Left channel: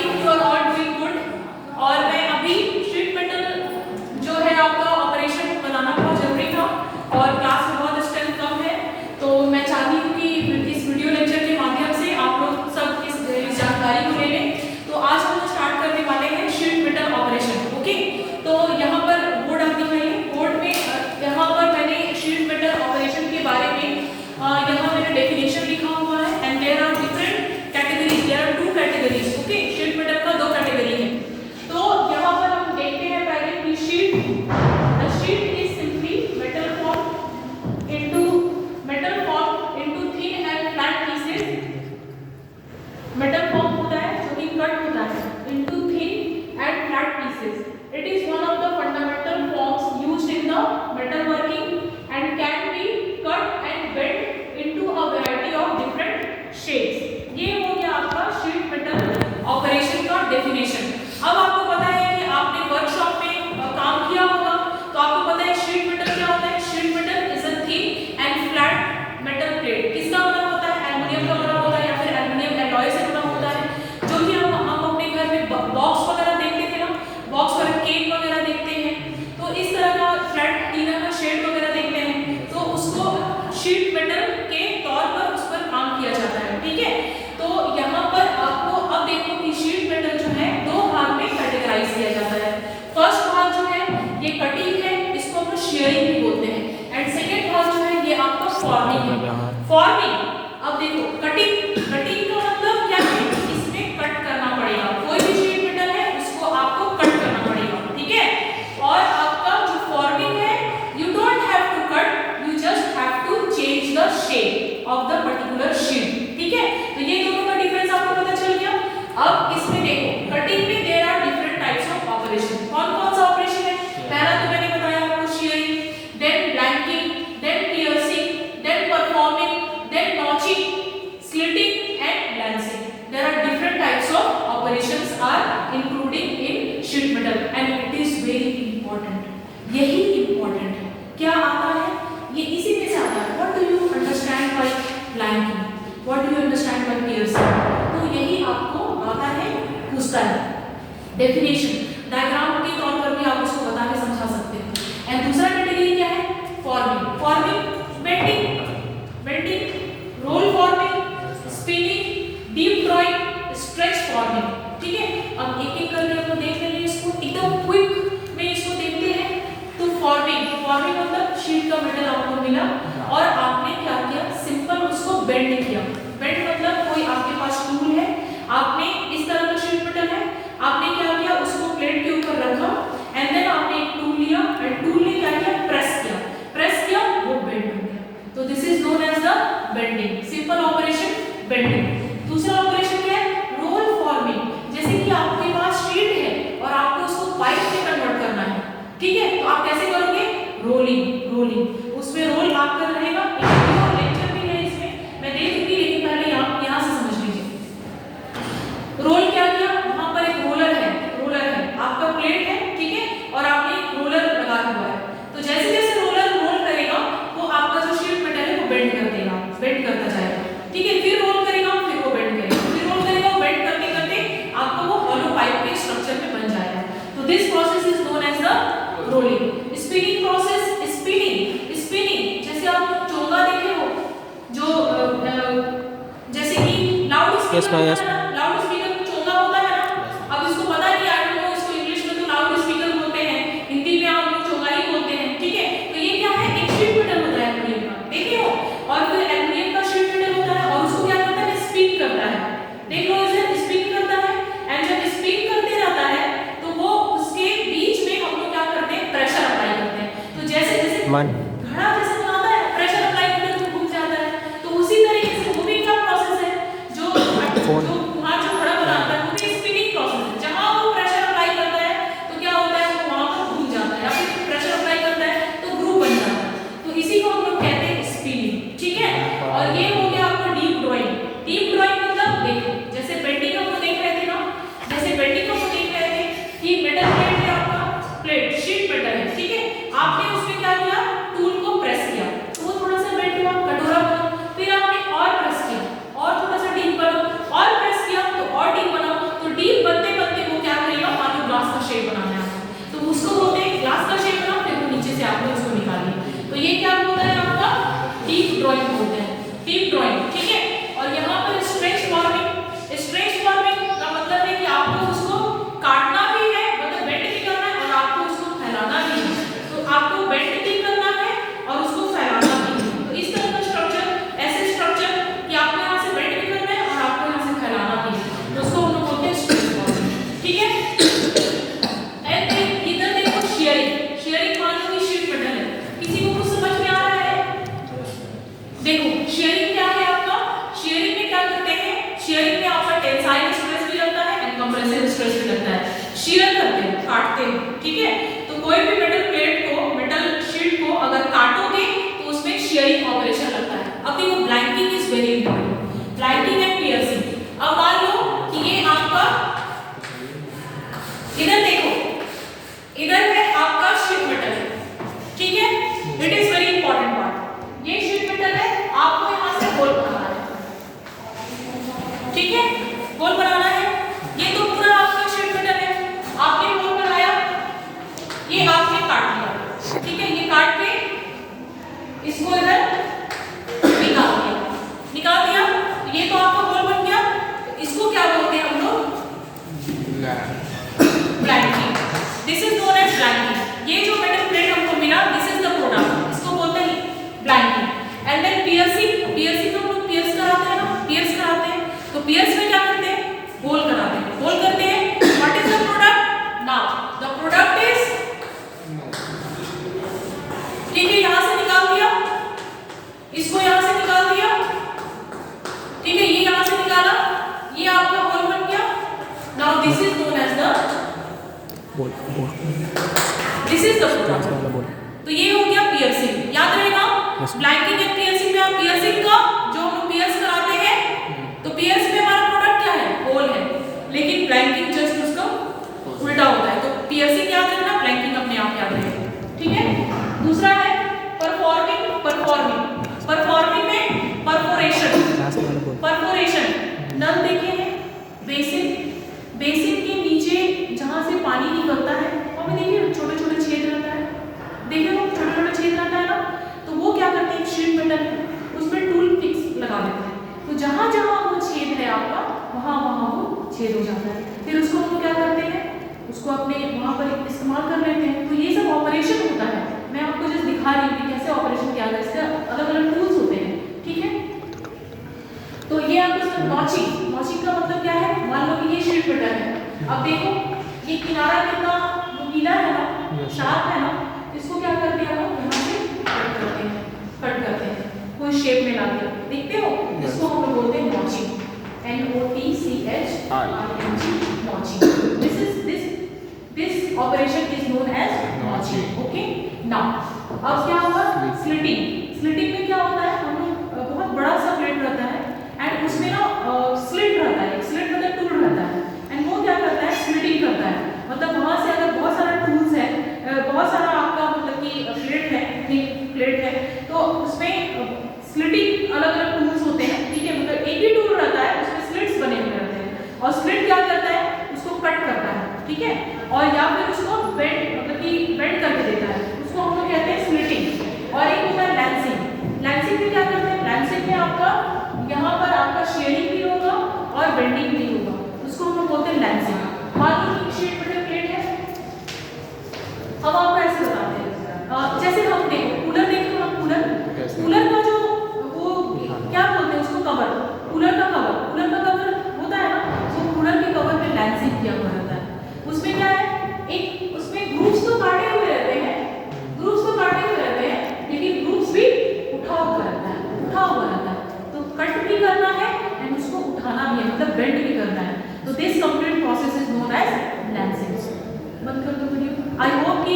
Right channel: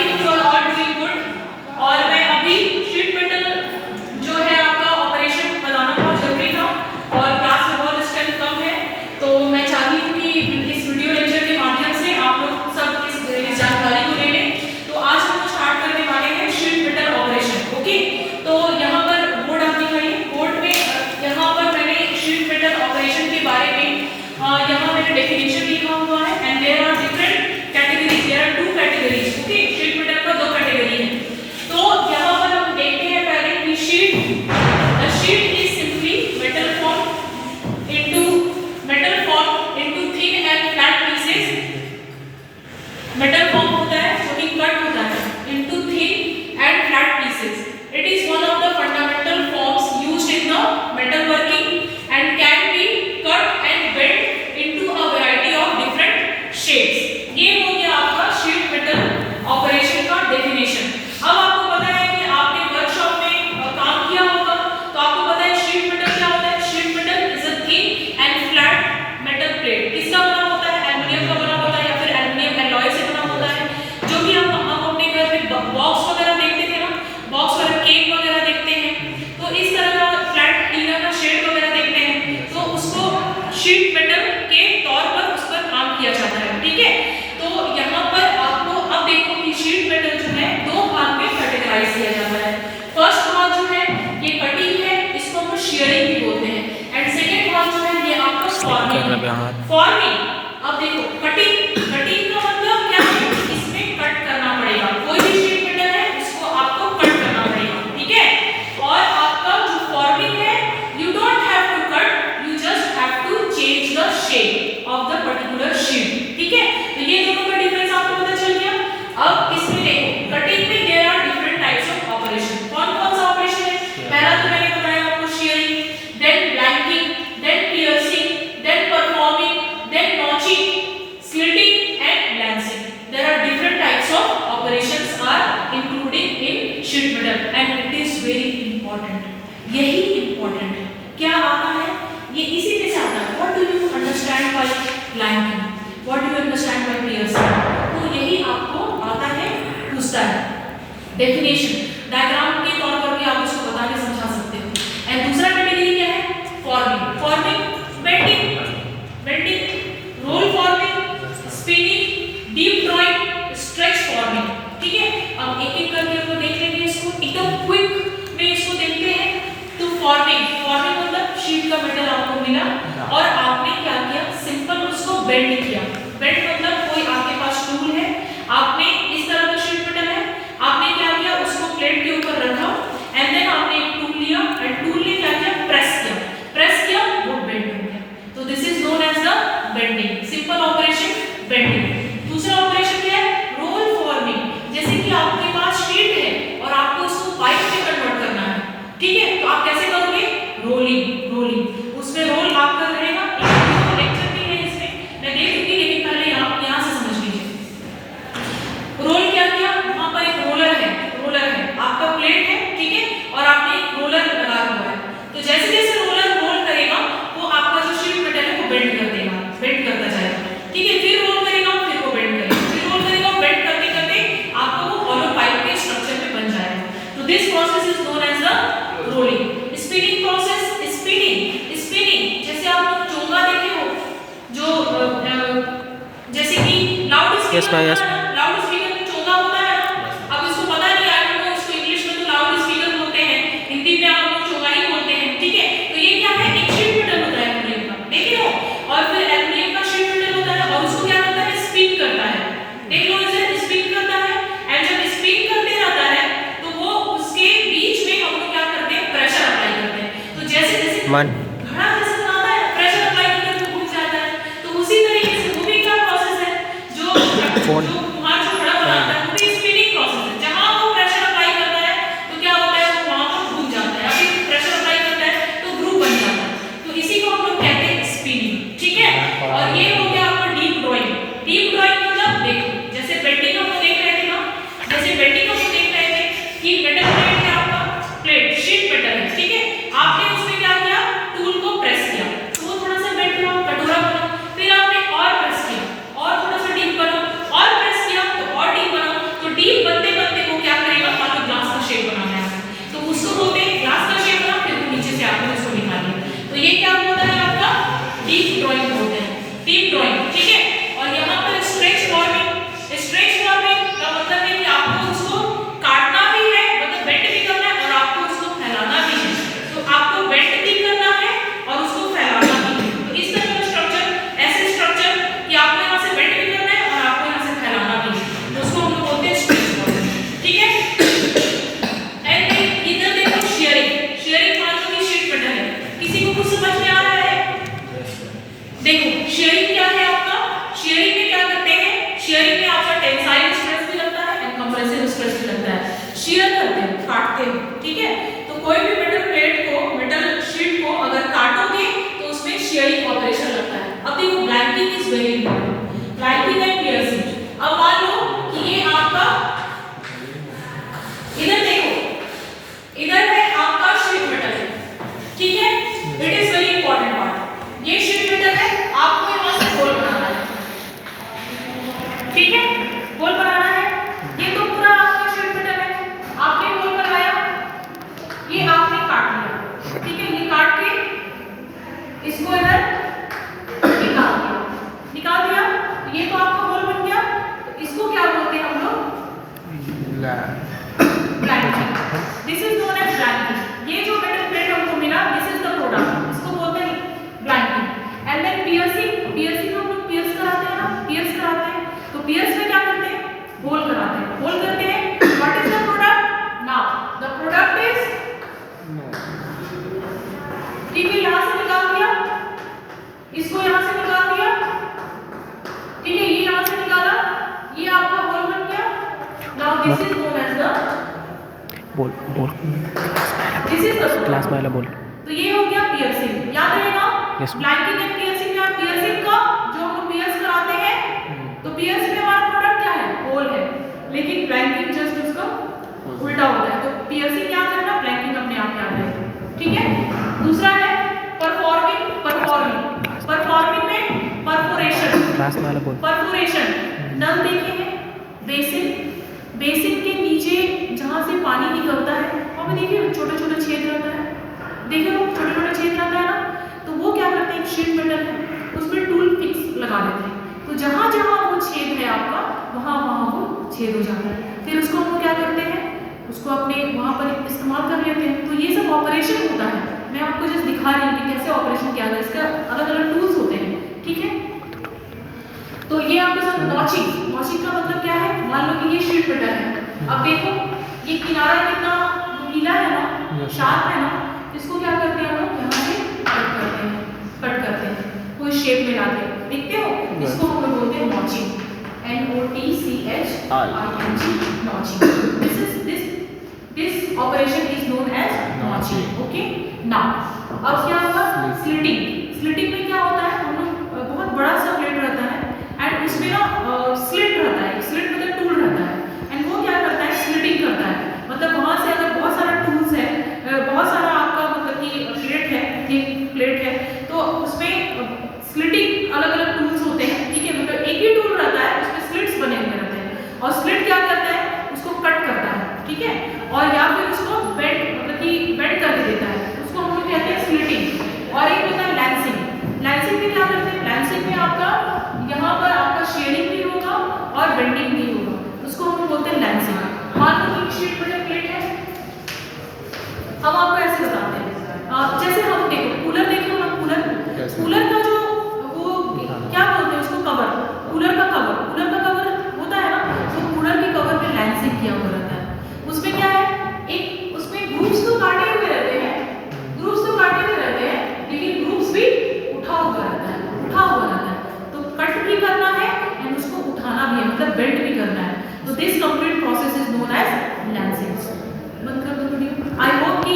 Think you are all doing good. और मैं अभी शीट मेटल जो है आपका ऑपरेशन बताना बहुत जरूरी था और क्लास में बहुत स्ट्रेंथ कम है, तो मैं चाहती हूँ कि इस वीडियो लेक्चर के माध्यम से आप लोग सब इस जानकारी को ले लें। तो आज हम लोग स्टार्ट करने वाले हैं शीट मेटल ऑपरेशन। ओके, तो यहाँ पर बोर्ड आप दिखाइए। बोर्ड में यहाँ पर मैंने शीट मेटल ऑपरेशन के बारे में यहाँ मैंने डेफिनेशन लिखा हुआ है। And there are different categories, there are 2 categories. Okay, sheet metal का 2 कैटेगरी है। तो यहाँ पर हम देखते हैं पहले कि sheet is simply metal form into thin and flat pieces. Metal form होता है जो कि कट होता है into thin and flat pieces. It is one of the fundamental forms used in the metal working and can be cut and bend into a variety of different shapes. ये हो गया आपका शीट मेटल ऑपरेशन का definition. अब आपको पता है कि आपने वर्कशॉप में काम किया होगा, तो आपको पता है शीट मेटल क्या होता है। Sheet metal is a thin and flat metal plate. किसका बना होता है? एल्युमिनियम का बना होता है या फिर एल्युमिनियम एलॉय से बना होता है, जो कि हम अपने घर में बॉक्स वगैरह देखते थे ना, बॉक्स वगैरह केक वगैरह देखते हैं, तो इस तरह का फ्लैट टीना का शेड वगैरह देखते हैं, तो उसको शीट मेटल के तौर पर उस पर काम किया जाता है। ठीक है, तो यहाँ पर आपको अब देखो कि शीट मेटल जो है 2 भाग में कैटेगराइज किया जाता है। फर्स्ट भाग जो है ये कटिंग है, इसको हम शेयरिंग भी बोलते हैं। एंड सेकंड भाग जो है ये आपका फॉर्मिंग। अब देखो कटिंग का मतलब क्या है? इसमें कट करना पड़ेगा। कोई भी शीट मेटल है इसको आपको कट करना पड़ेगा। ठीक है, और आपका जो फॉर्मिंग है, you don't have to cut, you just have to change the shape of the particular sheet. ठीक है, तो ये दोनों का डिफरेंस आपको पता चल गया। अब इसमें देखो कटिंग में there are different types of operation. कौन कौन सा ऑपरेशन है? पहला तो मैंने बताया आपको shearing, then blanking, then piercing, then performing, then notching, slitting and lancing. There are different types of operations are including in sheet metal and it is very important. यही इंपॉर्टेंट है। क्या आता है ये? इसी में से आता है। What do you understand by blanking, what do you understand by piercing, तो यही आपको आता है, पूछता है। डेफिनेशन डायग्राम के तौर पर भी आप उसको बता के समझा सकते हो। एंड दूसरा कैटेगरी क्या है? Forming, bending, roll forming, spinning, deep drawing, stretch forming. ठीक है, अब एक एक करके हम देख लेंगे इसको, एकदम क्विक में इसको देखते हैं। तो फॉर्मिंग मतलब शीट का मेटल आपको मिला और आपने क्या किया? सिंपल उसको बेंड किया। बेंड मतलब कोई आपके पास टूल है, आपने इस तरह का शीट मेटल है, आपने क्या किया? उसको प्लेट के ऊपर रखा एंड देन आपने एक टूल लिया एंड टूल ने क्या किया? प्रेस किया, वो बेंड हो गया। तो this is known as the bending. Simple operation bending. दूसरा ऑपरेशन क्या है? Roll forming. जैसे कि आपके पास शीट है और आपको उसको पाइप में कन्वर्ट करना है। ठीक है, तो आप कैसे करोगे? रोलिंग। उसमें रोल आपका रहेगा, एक लेक्चर भी है इसमें मैं दे दूंगी, लेकिन पहले आप यहाँ से समझ लीजिए। रोल क्या किया? वहां पर एक रोलर है, आपका प्लेट है, ठीक है, और आपने एक रोलर लगा हुआ है। तो जैसे जैसे रोलर रोल करेगा वो आपका जो शीट मेटल है वो बेंड करता जाएगा। ठीक है, फिर रोल करेगा, फिर वो बेंड करेगा, फिर रोल करेगा, बेंड करते करते आपको वो हॉलो पाइप के स्ट्रक्चर में बन जाएगा। तो this process is known as the rolling. Spinning process, spinning जैसे आप चोंगा देखे हो, जो जैसे कि लाउड स्पीकर में चोंगा होता है ना। अब इसको पता नहीं, आई डोंट नो, इसको इंग्लिश में तो लाउड स्पीकर बोलते हैं, हिंदी में आप लोग चोंगा ही बोलते हैं। ठीक है, तो ये क्या है? एक शीट मेटल होता है एल्युमिनियम का, देखे हो, और फिर एल्युमिनियम का शीट मेटल होता है और उसको क्या करता है? स्पिन करता है। देख लो, इसे स्पिन करता है एंड जब स्पिन करते रहता है तो वो उसके बीच में हम लोग क्या करते हैं? प्रेशर अप्लाई करते हैं। तो जैसे जैसे घड़ा जैसे बनाता है, प्रेशर अप्लाई करके तो घूम जाता है। तो उसी तरीके से वो भी क्या प्रोसेस है? जो वहां जो घड़ा बनाता है वो भी स्पिनिंग प्रोसेस है। जहां वो प्रेशर अप्लाई करता है तो क्या होता है? वो वहां पर घूम जाता है, या फिर प्रेशर अप्लाई करता है तो ग्रूव बन जाता है। तो इसी को हम लोग कहते हैं स्पिनिंग। ठीक है, और ये हो गया आपका डीप ड्राइंग। मतलब देखो, जैसे बेंडिंग हम लोग देख रहे थे ना, कि मेटल प्लेट है, आपका प्लेट शीट मेटल है। ठीक है, आपने उसमें क्या किया? टूल को प्रेस किया, वो थोड़ा सा बेंड हुआ, कटोरा बना, फिर आपने और प्रेस किया और थोड़ा सा डीप बना और प्रेस किया में आपका टेंसाइल स्ट्रेस भी लगता है एंड कंप्रेसिव स्ट्रेस भी लगता है। शीयर करते हैं, काटते हैं, ठीक है। तो कोई भी मेटल प्लेट को, मेटल शीट को अगर काटोगे तो उसमें शीयरिंग ऑपरेशन लगता है। अब देखो blanking is very important, blanking and piercing. अब मान लो कि ये आपका, इधर देखो, इधर है आपका शीट मेटल है, ठीक है, it is very important part. ये शीट मेटल है, आपको यहां से होल बनाना है, ठीक है, होल बनाना है। ये तो पूरा आपका शीट मेटल है, आपने होल बनाया, ये आपने काट लिया, ठीक है, ये काट के इसको इधर निकाल दिया, ये तो आपका होल बन गया। तो इसको क्या बोलते हैं हम लोग? Blanking. This is known as blanking. ये जो मेटल प्लेट हमको मिला, दिस इज द प्रोडक्ट, इसको बोलते हैं blanking. And then piercing, piercing हम लोग पियर्स कराते हैं ना, पियर्स कराते हैं। तो पियर्स में क्या करते हैं? होल कराते हैं, होल करते हैं। What is the product? Now the product is, ठीक है, यहां से निकाल दिया, इसको यहां से निकाल दिया, ठीक है, ये यहां से निकाला, ये आपका होल बन गया। Now this is known as the bowl this is the class वाला बोल। तो ये हो गया पियर्सिंग, याद रहेगा। Yes. ब्लैंकिंग एंड पियर्सिंग में आप पियर्सिंग का जो हम लोग पियर्स कराते हैं, तो पियर्स में हमारा प्रोडक्ट क्या है? होल है, लेकिन ब्लैंकिंग जस्ट उसका उल्टा होता है। तो पियर्सिंग याद रखना, ब्लैंकिंग अपने आप याद रहेगा, ठीक है। दूसरा है परफॉर्मिंग, परफॉर्मिंग, परफॉर्मिंग में परफोरेशन, क्लास वाला बोल। परफोरेशन, नल देखे हैं, बेसिन, बेसिन के नीचे जहां से पानी निकलता है वहां पे देखिए छोटे छोटे छेद रहता है, देखिए वो छोटे छोटे छेद रहता है ना, तो वो क्या करते हैं, शीट मेटल है, उसमें टूल फिक्स लगा देते हैं। तो जहां जहां वो छेद है आपका, वहां वहां वो छेद हो जाता है। फिर उसको हम लोग क्या करते हैं, उसको अपने वहां पर इस्तेमाल कर लेते हैं। तो ये सब ऑपरेशन होता है, मैं आपको जस्ट दिखा रही हूँ कि कैसे ऑपरेशन किया जाता है, इसका अलग अलग टूल्स होते हैं, ठीक है। तो ये आपके साथ नॉचिंग, नॉचिंग का मतलब क्या है? मान लो कि ये शीट मेटल है, अब देखो ये किनारा कितना नीला है ना, शार्प है ना, इसको क्या करते हैं हम लोग, यहाँ से कट करते हैं, कट करते हैं कोई शेप में लाके, देखते हो, इसको हम लोग बोलते हैं notching, NOTCHING, notching. This operation is known as notching, okay. Now अब क्या होगा, स्लिटिंग। स्लिटिंग में क्या होता है, हम लोग बहुत बड़ा सा प्लेट रहता है एंड उसमें ना स्लिट रहता है, स्लिट मतलब टूल रहता है, एंड वो क्या करता है, स्लिटिंग करता है। मतलब वहां से अगर बहुत सारा टूल्स है, बहुत सारा आपका मतलब कि प्लेट है, थिक प्लेट है, तो उसमें स्लिटिंग अलग अलग टूल्स होते हैं, ठीक है, मतलब एक ही टूल रहता है, उसमें स्लिट्स बने हुए रहते हैं, और स्लिट क्या करता है, उसको कट करता है, ठीक है, और या फिर उसको बेंड मतलब कि बेंड करके देता है, उसको हम लोग कहते हैं स्लिटिंग। और एक होता है लैंसिंग। लैंसिंग में क्या करते हैं, लैंसिंग में आपका यहाँ पर आपका शेयरिंग भी होगा और बेंडिंग भी होगा, उसको हम लोग बोलते हैं लैंसिंग। मान लो कि शीट मेटल प्लेट है, हम आपको ऐसे बताते हैं, जैसे हम देखो कूलर देखे हो ना, कूलर, कूलर का जो वो क्या बोलते हैं उसको, कवर, कूलर का कवर, कूलर का कवर होता है ना, तो कूलर के कवर पे लैंसिंग किया हुआ रहता है। उसमें क्या है, एक उसमें ग्रूव्स तो काटे हुए रहते हैं, ग्रूव्स तो काटे हुए रहते हैं, लेकिन ग्रूव्स भी उठा हुआ रहता है, उठा हुआ रहता है, तो कट भी करना है एंड उसको उठाना भी है, मतलब बेंड भी करना है। तो this complete process is known as lancing. बंद कर दो वीडियो। आई होप कि